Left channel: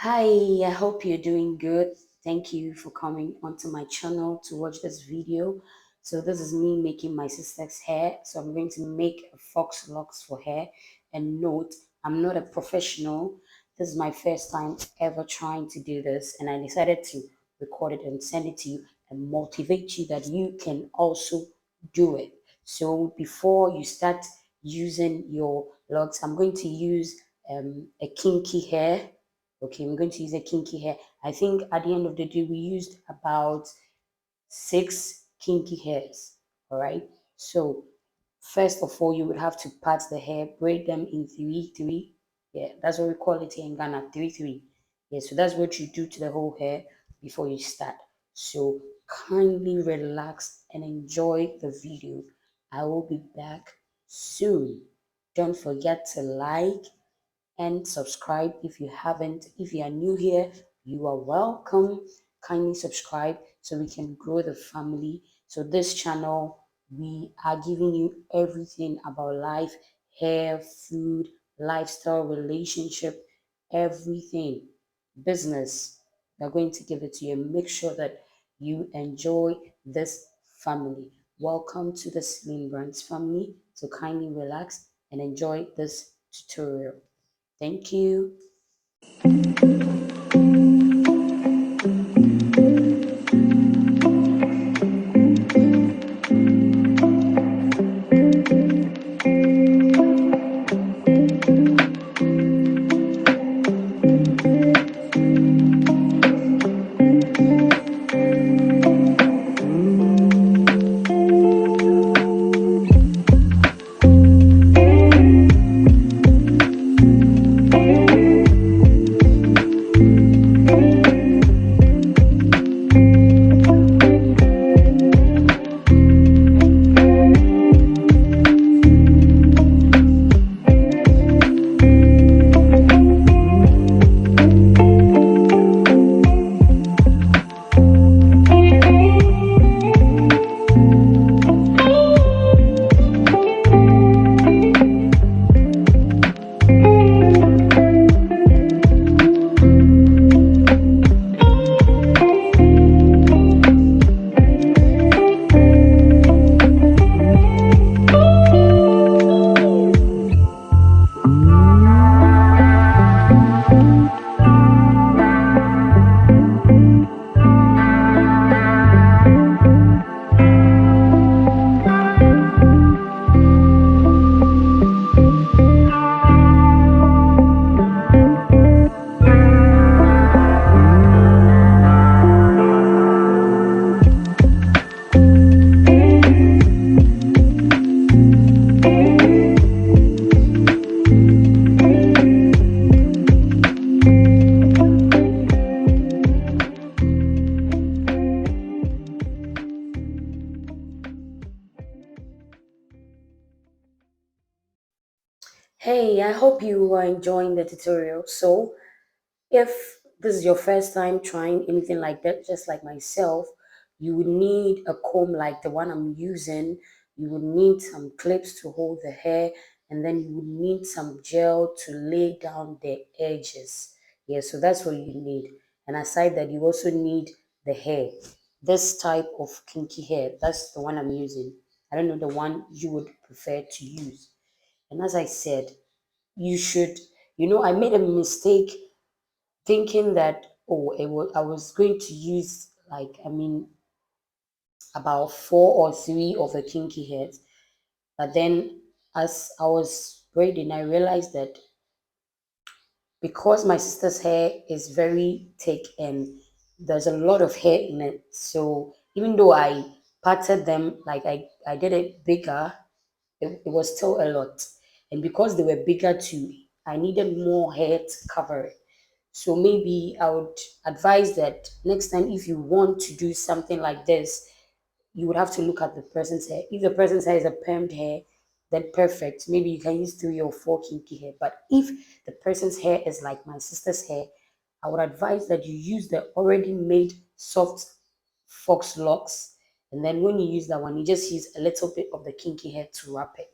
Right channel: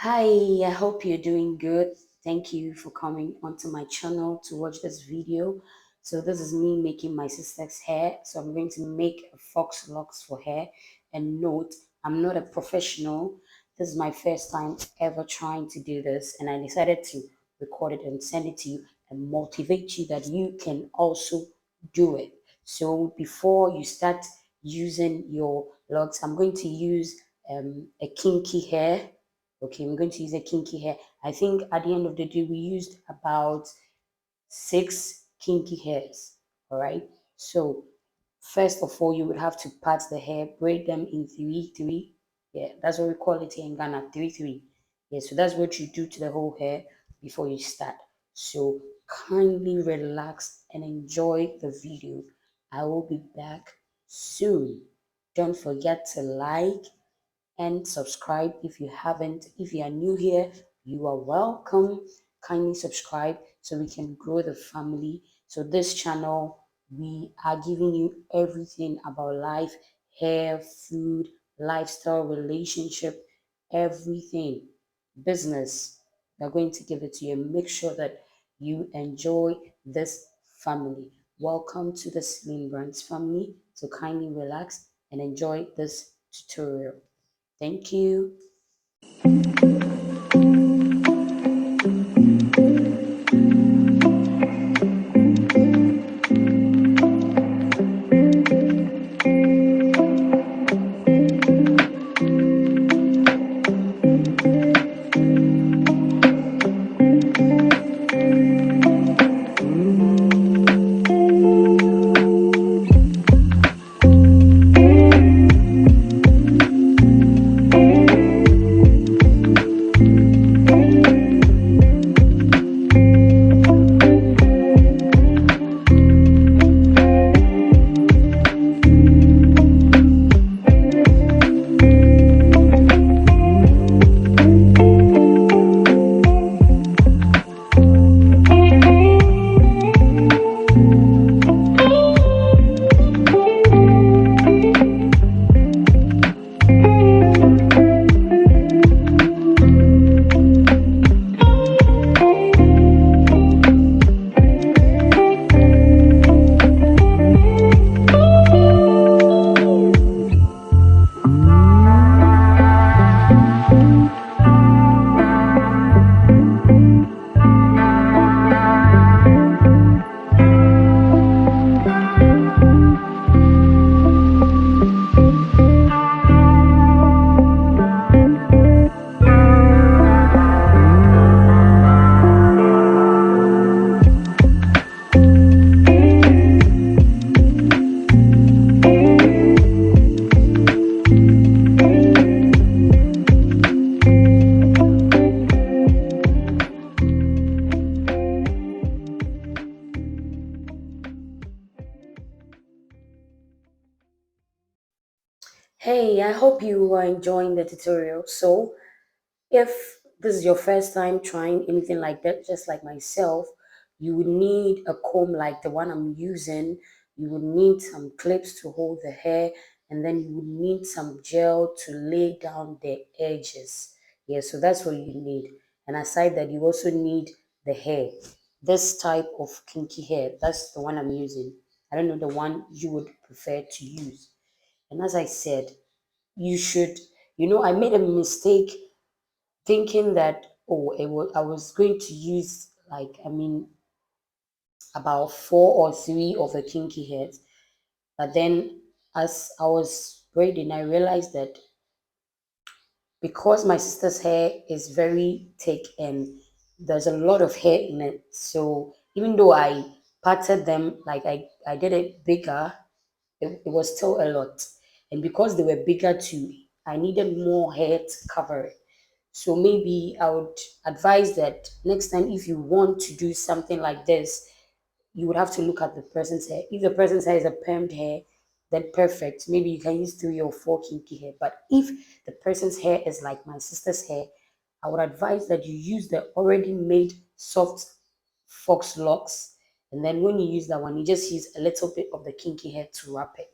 Hi, I hope you're doing good. Thank you for coming onto my channel to watch this video. So this is me making my sister's hair. So I'm going to make a fox locks for her. And note, I'm not a professional. This is my first time ever trying to do this, and I decided to record it and send it to you and motivate you that you can also do it. So before you start using your locks, I'm going to use a kinky hair. Okay, I'm going to use a kinky hair. I think at the end of the day, we used about six kinky hairs. All right. So first of all, you would have to part the hair, braid them in three, three. Yeah, that's what we call it here in Ghana, three, three. Yeah, so that's what you do to the whole hair before you start. So kindly relax and enjoy the video. I will be back soon. Don't forget to like and subscribe if you haven't. If you are new here, you are welcome. Kindly subscribe so we can grow the family. So, this channel, we are giving you everything about life, hair, food, lifestyle, relationship, everything, business. We're going to give it to you. Make sure that you enjoy this family. Welcome to the Slim Brands family. So, kindly relax and enjoy this tutorial. Thank you. Hey, I hope you are enjoying the tutorial. So, if this is your first time trying anything like that, just like myself, you would need a comb like the one I'm using. You would need some clips to hold the hair, and then you would need some gel to lay down the edges. Yeah, so that's what you need. And aside that, you also need the hair. This type of kinky hair, that's the one I'm using. I don't know the one you would prefer to use. And as I said, you should, I made a mistake thinking that, I was going to use, like, about four or three of the kinky hairs. But then as I was braiding, I realized that because my sister's hair is very thick and there's a lot of hair in it, so even though I parted them, like I did it bigger, it was still a lot. And because they were bigger too, I needed more hair to cover it. So maybe I would advise that next time if you want to do something like this, you would have to look at the person's hair. If the person's hair is a permed hair, then perfect. Maybe you can use three or four kinky hair. But if the person's hair is like my sister's hair, I would advise that you use the already made soft fox locks. And then when you use that one, you just use a little bit of the kinky hair to wrap it.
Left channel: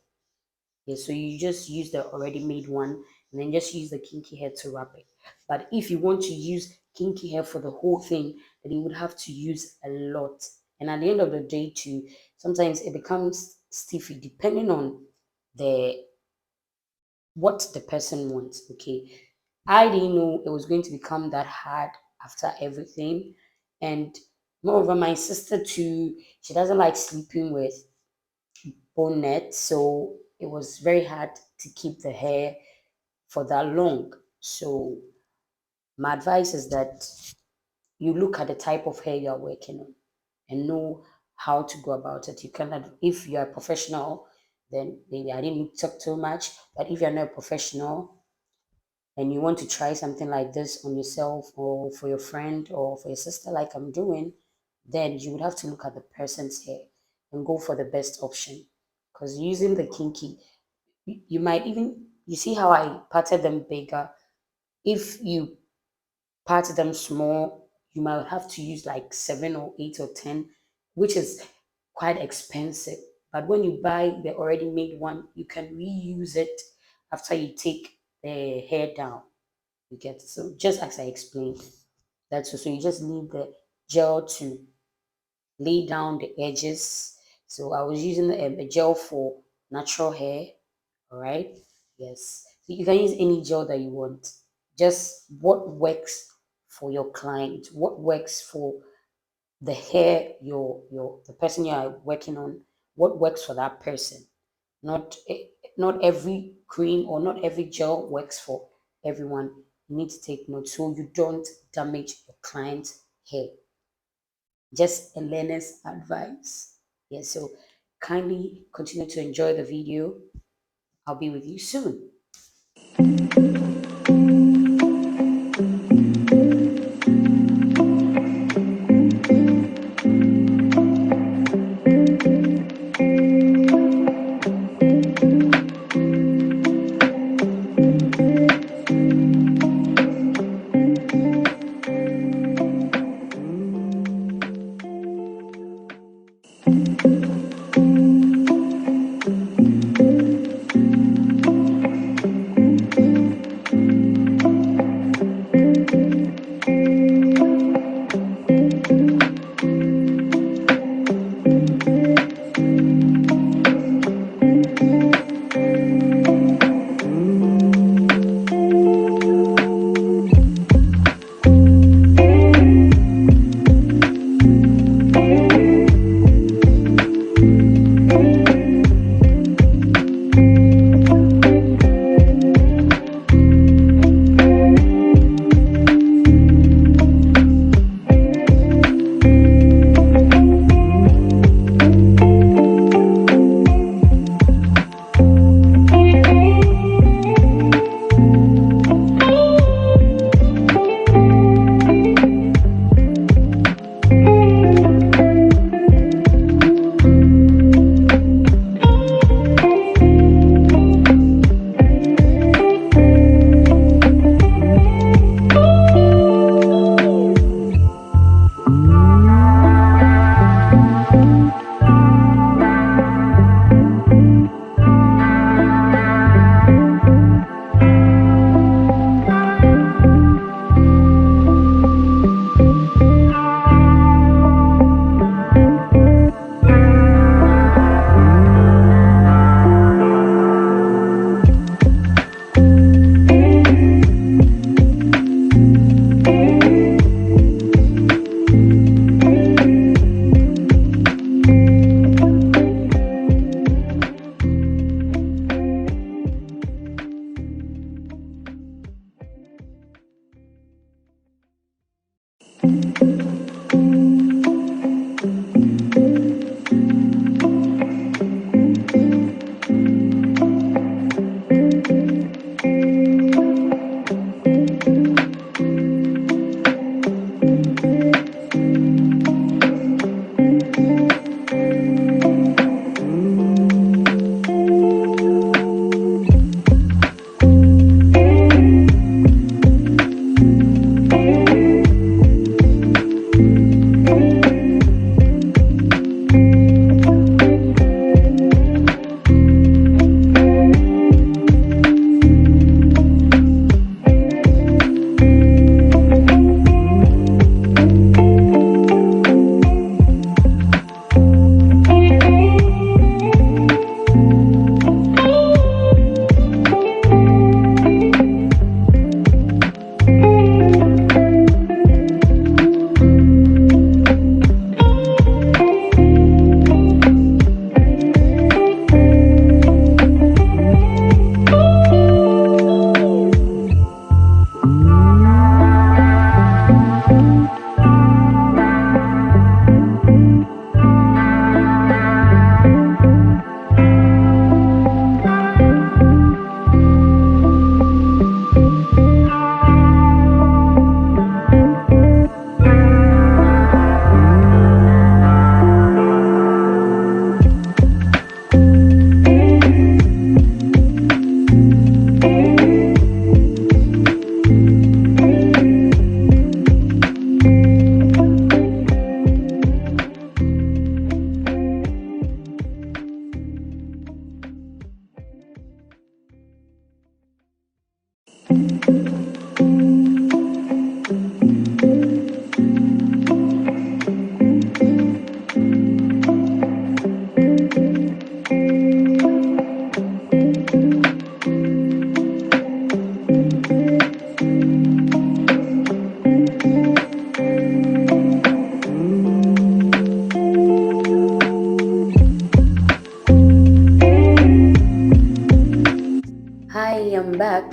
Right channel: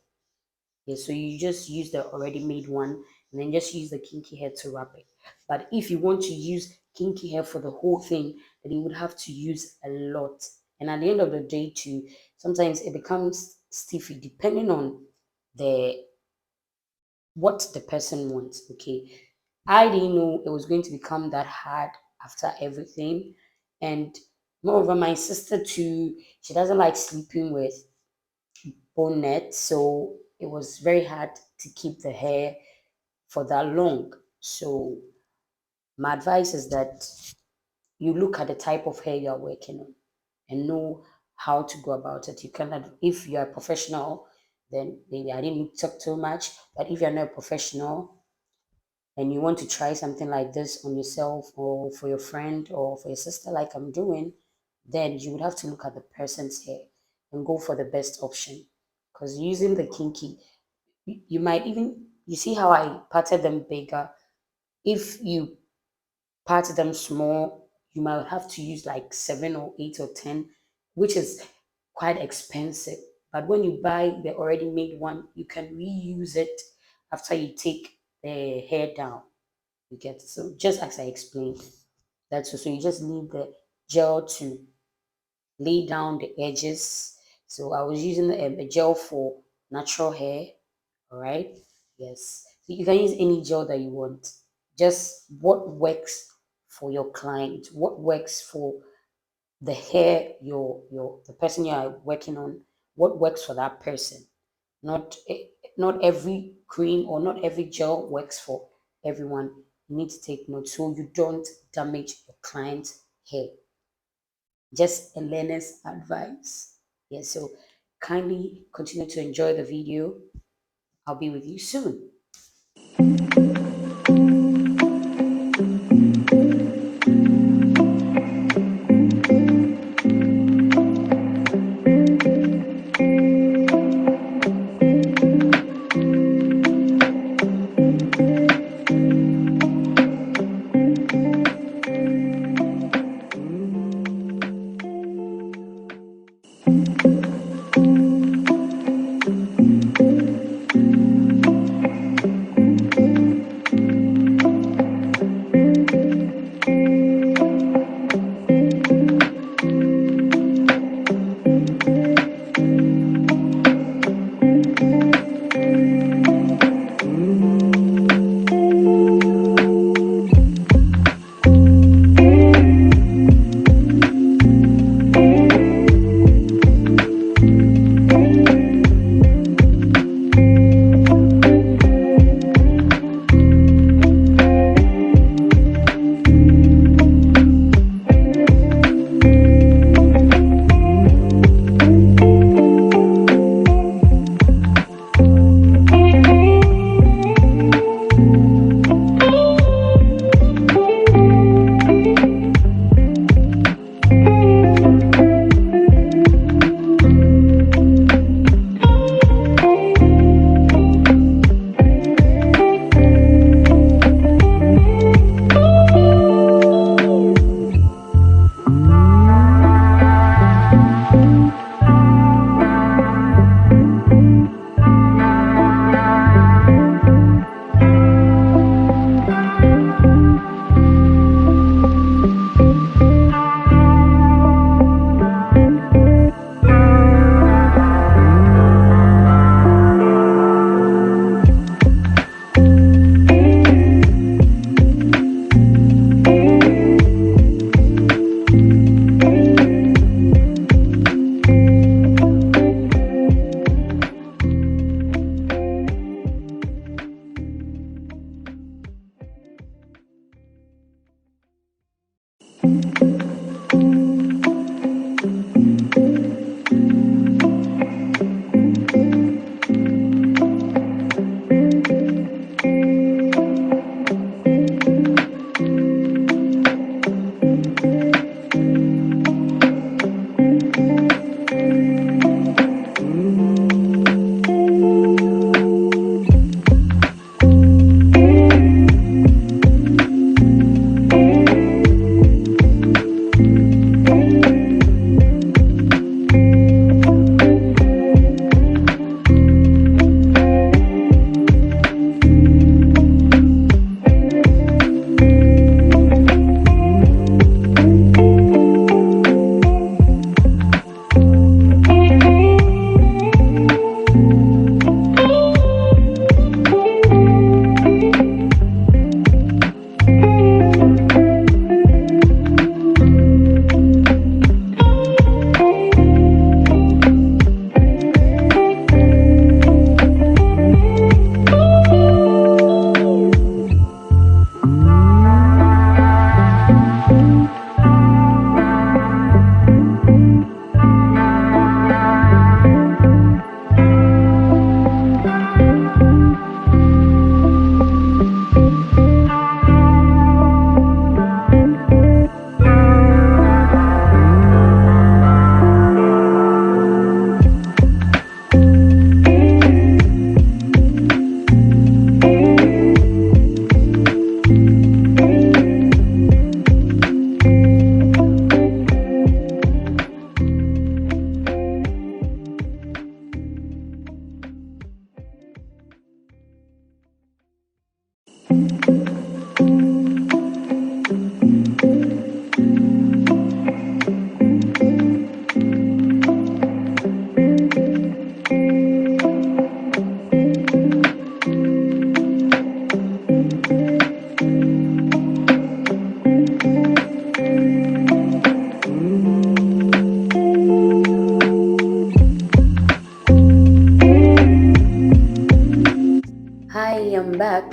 Yeah, so you just use the already made one, and then just use the kinky hair to wrap it. But if you want to use kinky hair for the whole thing, then you would have to use a lot. And at the end of the day, too, sometimes it becomes stiffy depending on the what the person wants. Okay. I didn't know it was going to become that hard after everything. And moreover, my sister too, she doesn't like sleeping with bonnet, so it was very hard to keep the hair for that long. So my advice is that you look at the type of hair you're working on and know how to go about it. You cannot, if you're a professional, then maybe I didn't talk too much, but if you're not a professional, and you want to try something like this on yourself or for your friend or for your sister, like I'm doing, then you would have to look at the person's hair and go for the best option. Because using the kinky, you might even, you see how I parted them bigger. If you part them small, you might have to use like 7 or 8 or 10, which is quite expensive. But when you buy the already made one, you can reuse it after you take the hair down. You get it? So just as I explained, that's so you just need the gel to lay down the edges. So I was using a gel for natural hair. All right. Yes. So you can use any gel that you want. Just what works for your client, what works for the hair, your the person you are working on, what works for that person. Not not every cream or not every gel works for everyone. You need to take note so you don't damage your client's hair. Just a learner's advice. Yes, so kindly continue to enjoy the video. I'll be with you soon.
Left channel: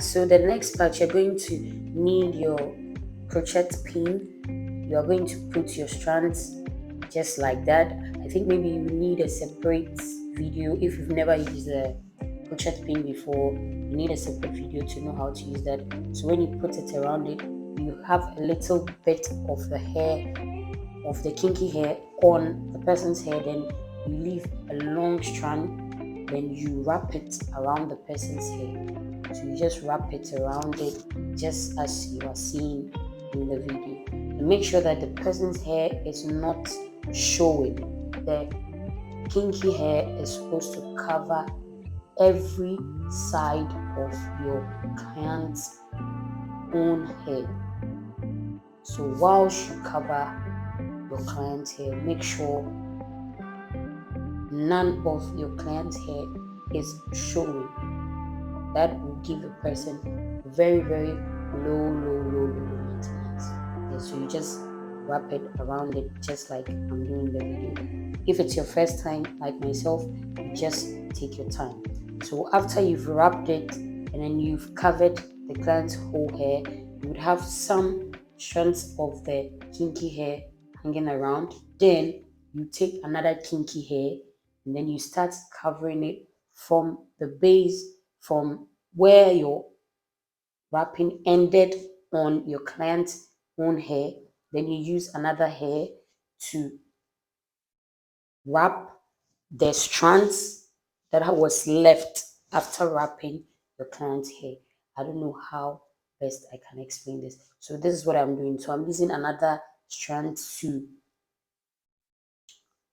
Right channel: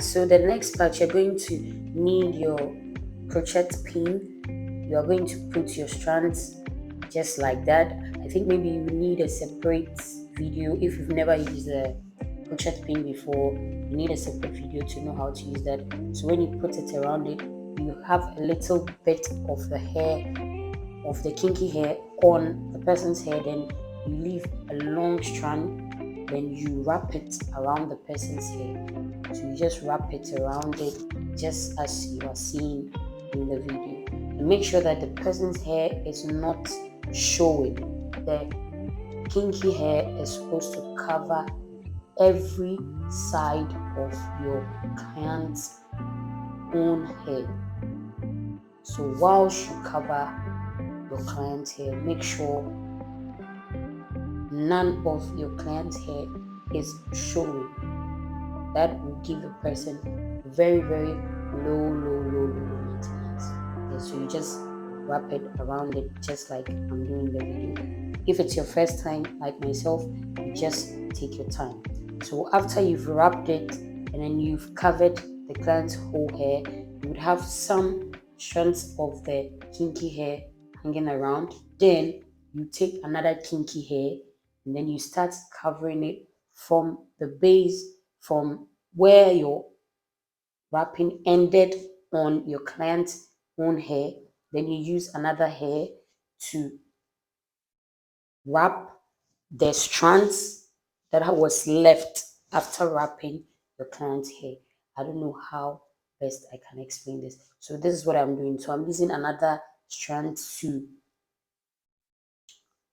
So the next part, you're going to need your crochet pin. You are going to put your strands just like that. I think maybe you need a separate video if you've never used a crochet pin before. You need a separate video to know how to use that. So when you put it around it, you have a little bit of the hair, of the kinky hair on the person's hair, then you leave a long strand, then you wrap it around the person's hair. So you just wrap it around it just as you are seeing in the video. And make sure that the person's hair is not showing. The kinky hair is supposed to cover every side of your client's own hair. So whilst you cover your client's hair, make sure none of your client's hair is showing. That will give the person very, very low maintenance. Yeah, so you just wrap it around it just like I'm doing the video. If it's your first time, like myself, you just take your time. So after you've wrapped it and then you've covered the client's whole hair, you would have some strands of the kinky hair hanging around. Then you take another kinky hair and then you start covering it from the base, from where your wrapping ended on your client's own hair. Then you use another hair to wrap the strands that was left after wrapping your client's hair. I don't know how best I can explain this. So this is what I'm doing. So I'm using another strand to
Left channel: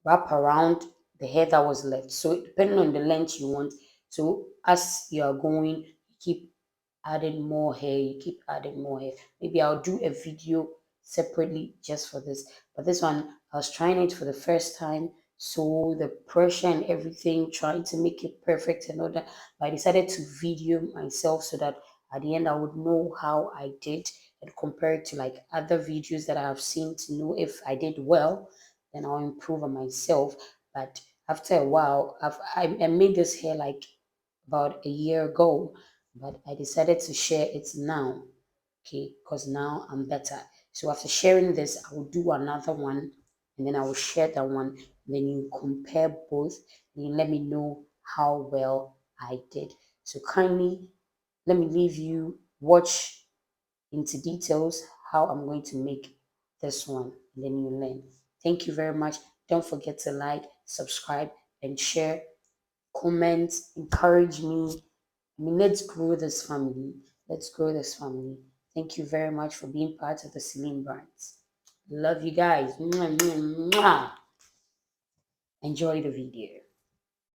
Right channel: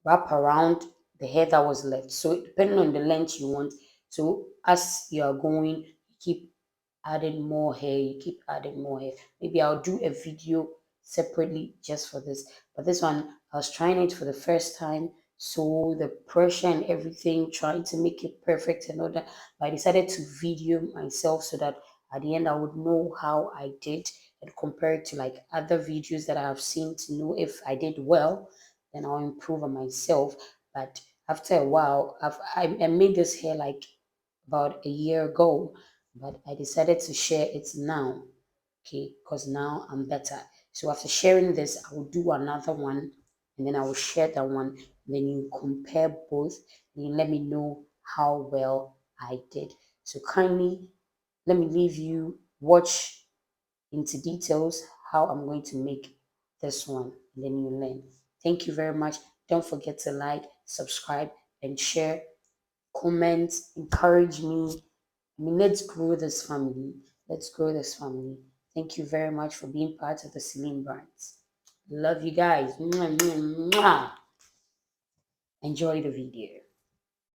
wrap around the hair that was left. So depending on the length you want, so as you are going, you keep adding more hair, you keep adding more hair. Maybe I'll do a video separately just for this. But this one, I was trying it for the first time. So the pressure and everything, trying to make it perfect and all that. But I decided to video myself so that at the end I would know how I did and compare it to like other videos that I have seen to know if I did well, then I'll improve on myself. But after a while, I made this hair like about a year ago, but I decided to share it now, okay, because now I'm better. So after sharing this, I will do another one and then I will share that one. Then you compare both and you let me know how well I did. So kindly let me leave you watch into details how I'm going to make this one and then you learn. Thank you very much. Don't forget to like, subscribe, and share. Comment, encourage me. I mean, let's grow this family. Let's grow this family. Thank you very much for being part of the Celine Brands. Love you guys. Mwah, mwah, mwah. Enjoy the video.